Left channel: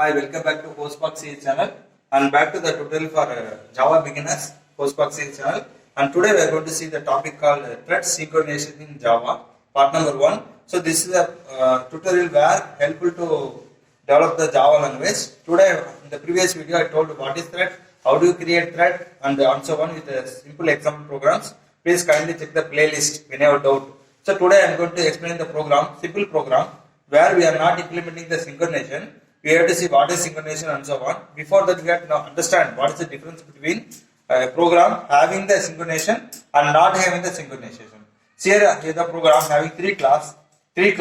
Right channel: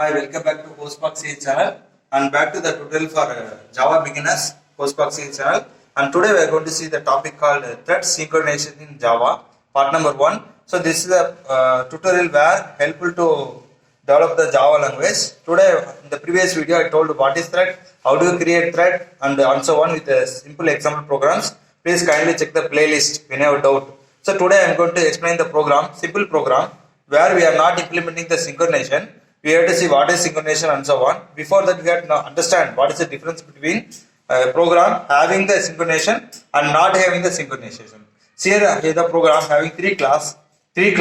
Hi, welcome back to Hostbox CS channel and back to the tutorial for Java beginners Hostbox CS channel. And today we are going to see the topic called thread synchronization in Java, part number 1. So this is a tutorial where helpful to develop the Java language. Today in the previous video I told what is thread, how do you create thread and so on with simple example programs. Please kindly check the playlist when you have doubt. So today I am going to explain the program, simple program where we are not implementing the synchronization. We have to see what is synchronization and so on. Before that, we have to understand what is the difference between a program having the synchronization and not having the synchronization. So here is the program having three classes. The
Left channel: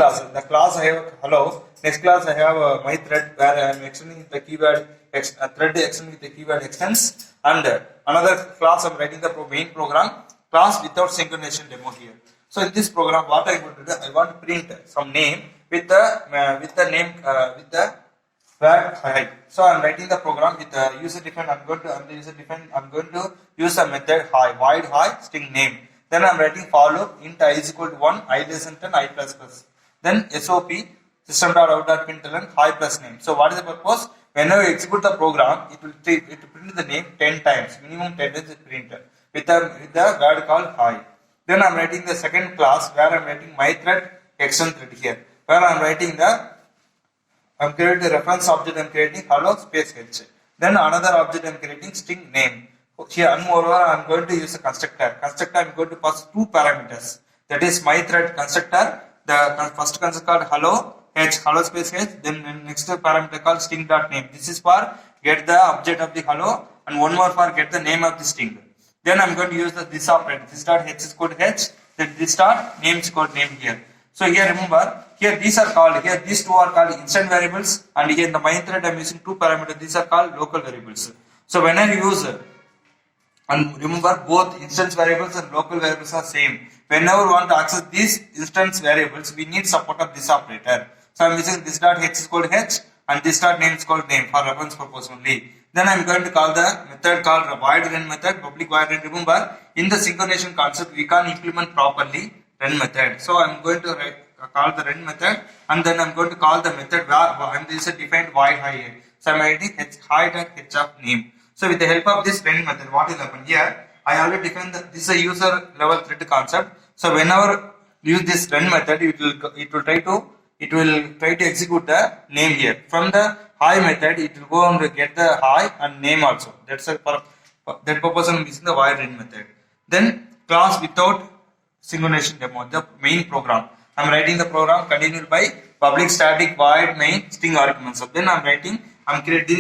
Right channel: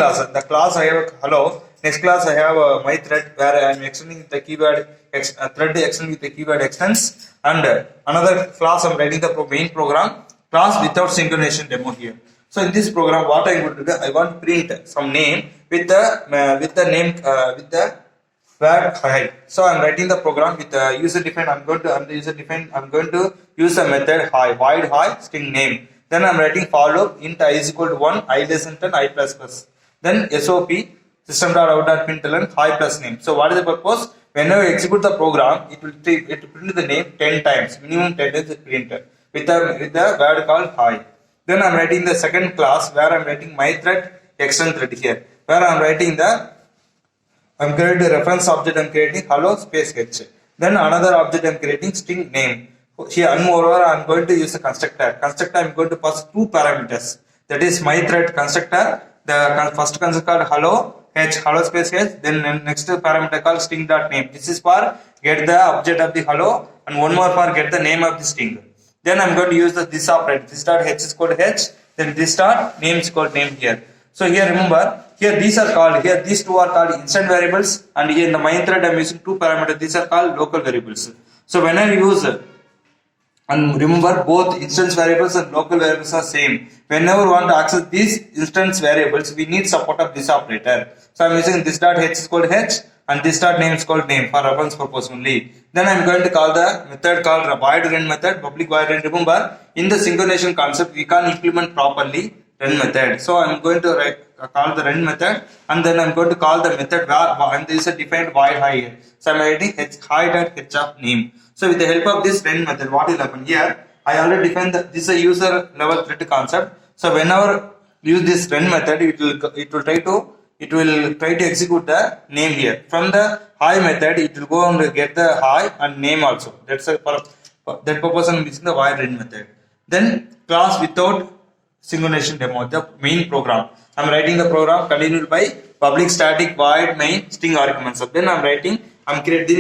class I have hello. Next class I have my thread where I am extending the keyword thread extending with the keyword extends, and another class I am writing the main program class without synchronization demo here. So in this program, what I am going to do, I want to print some name with the name with the where hide. So I'm writing the program with user defined. I'm going to use the method hi void hi string name. Then I'm writing for loop int I is equal to 1, I less than 10, I plus plus. Then SOP system.out.println hi plus name. So what is the purpose? Whenever you execute the program, it will print the name 10 times, minimum 10 times it printed with the word called hi. Then I'm writing the second class where I'm writing my thread extend thread here, where I'm writing I'm creating a reference object, I'm creating hello space h. Then another object I'm creating string name. Here and moreover I'm going to use a constructor. Constructor I'm going to pass two parameters. That is my thread constructor. The first constructor called hello space h. Then next parameter called string.name. This is for get the object of the hello and one more for get the name of the string. Then I'm going to use this operator. This dot h is called h. Then this dot name is called name here. So here remember, here these two are called instant variables, and here in the main thread I am using two parameters, these are called local variables. So when I use, and remember both instance variables and local variables are same. Whenever we want to access these instance variables, we need support of this operator. So I am using this dot h is called h and this dot name is called name for reference purpose only. Then I am going to call the method called void run method, public void run. Remember, in the synchronization concept, we can't implement properly run method. So I am going to call the run method, and then I am going to call the method and there is a defined void hi here. So I am writing hi.h of name. So with the help of this run method, what will happen here? I already defined that this is a user level thread concept. So whenever you use this run method, it will try to execute the name here. From the hi method, it will go and get the hi and name also. That's for that purpose I am using the void run method. Then class without synchronization demo, the main program. I'm writing the program continued by public static void main string arguments. So then I'm creating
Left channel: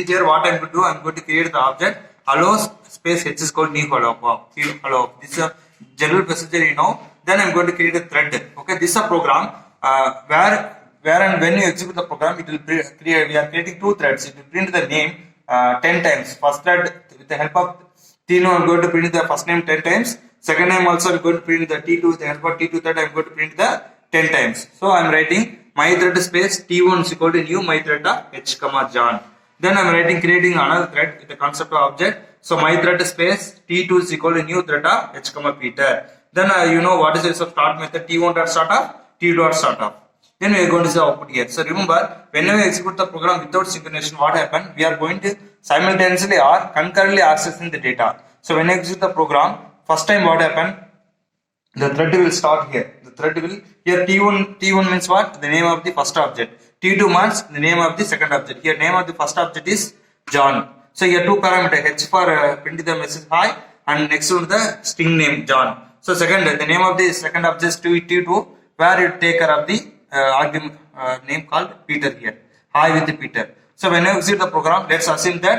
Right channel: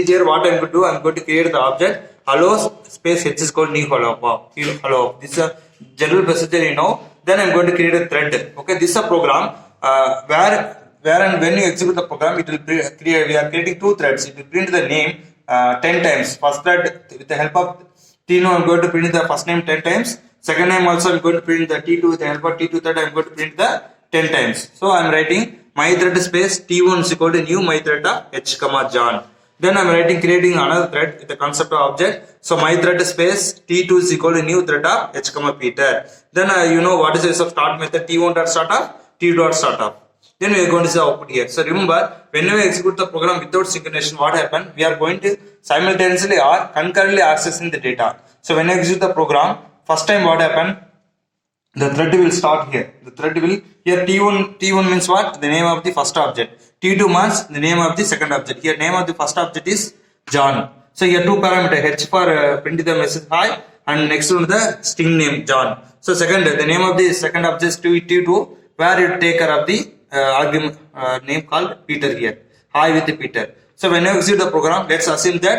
here what I'm going to do. I'm going to create the object hello space h is called new hello. This is a general procedure you know. Then I'm going to create a thread. Okay, this is a program where and when you execute the program, it will create. We are creating two threads. It will print the name 10 times. First thread with the help of T2, I'm going to print the first name 10 times. Second name also I'm going to print the T2 with the help of T2 thread. I'm going to print the 10 times. So I'm writing my thread space T1 is equal to new my thread h comma John. Then I'm creating another thread with the concept of object. So my thread space T2 is equal to new thread h comma Peter. Then you know what is the use of start method T1 dot start off, T dot start off. Then we are going to see output here. So remember, whenever we execute the program without synchronization, what happened? We are going to simultaneously or concurrently accessing the data. So when I execute the program, first time what happened? The thread will start here. The thread will here T1 means what? The name of the first object. T2 means the name of the second object. Here name of the first object is John. So here two parameters h for print the message hi and next one the string name John. So second the name of the second object is T2 where you take care of the argument name called Peter here. Hi with the Peter. So when you execute the program, let's assume that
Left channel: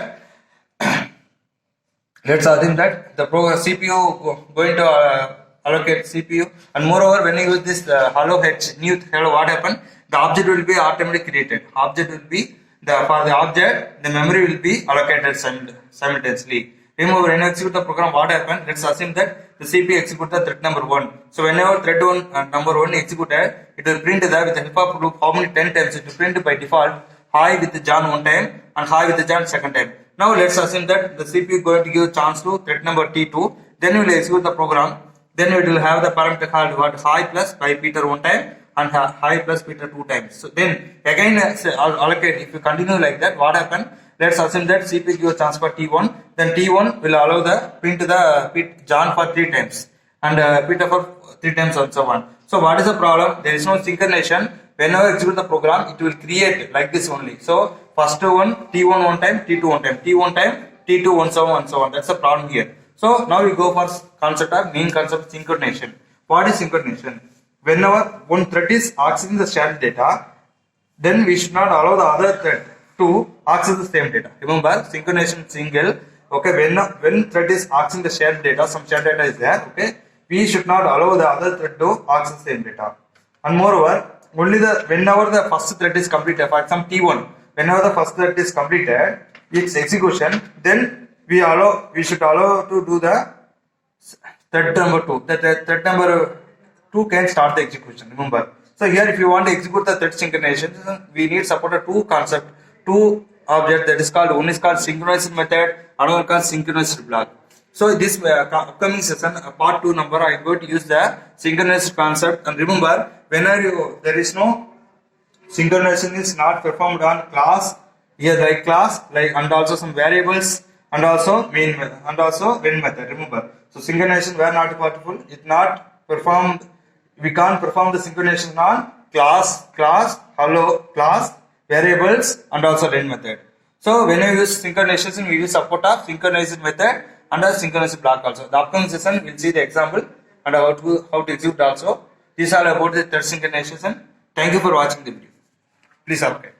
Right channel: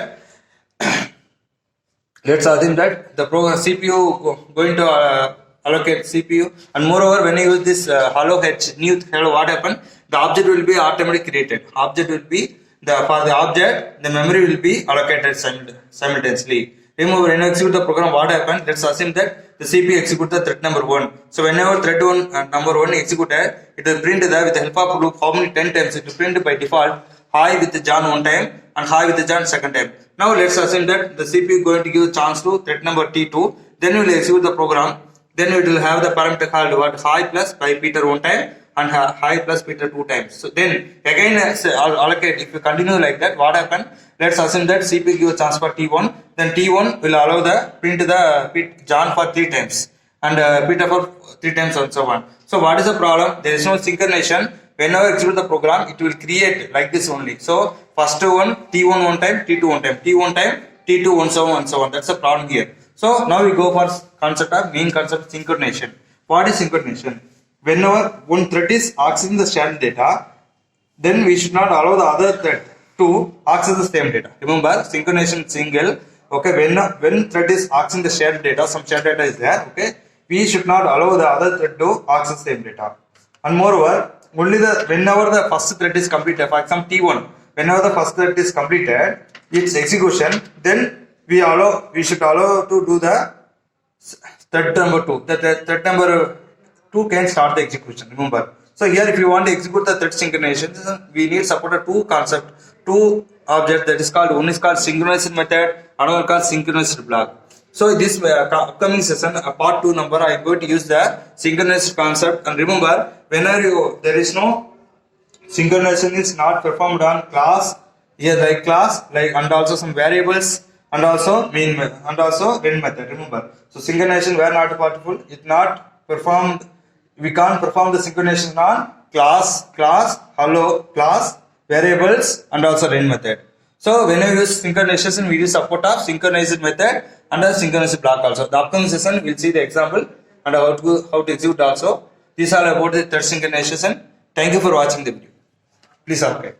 the program CPU going to allocate CPU, and moreover when you use this hello h new hello, what happened? The object will be automatically created. Object will be for the object the memory will be allocated simultaneously. Remember when you execute the program, what happened? Let's assume that the CPU execute the thread number 1. So whenever thread number 1 executed, it will print with the help of loop how many 10 times. It will print by default hi with the John one time and hi with the John second time. Now let's assume that the CPU is going to give chance to thread number T2. Then you will execute the program. Then it will have the parameter called what hi plus by Peter one time and high plus beta 2 times. So then again allocate. If you continue like that, what happen? Let's assume that CP gives chance for T1, then T1 will allow the print the John for 3 times and Peter for 3 times and so on. So what is the problem? There is no synchronization. Whenever execute the program, it will create like this only. So first one T1 one time, T2 one time, T1 time, T2 one so on and so on. That's the problem here. So now we go for concept of main concept synchronization. What is synchronization? Whenever one thread is accessing the shared data, then we should not allow the other thread to access the same data. Remember, synchronization single. Okay, when thread is accessing the shared data, some shared data is there. Okay, we should not allow the other thread to access the same data. And moreover, only whenever the first thread is completed, for example T1, whenever the first thread is completed, its execution, then we should allow to do the thread number 2. The thread number 2 can start the execution. Remember. So here, if you want to execute the thread synchronization, we need support of two object that is called, one is called synchronized method, another called synchronized block. So this upcoming session, part 2 number, I am going to use the synchronized concept. And remember, whenever there is no synchronization is not performed on class, here like class, like and also some variables, and also main method, and also when method. Remember, so synchronization were not possible. It not performed. We can't perform the synchronization on class, hello, class, variables, and also when method. So when we use synchronization, we use support of synchronized method and a synchronized block also. The upcoming session we'll see the example and how to execute also. These are about the thread synchronization. Thank you for watching the video. Please subscribe.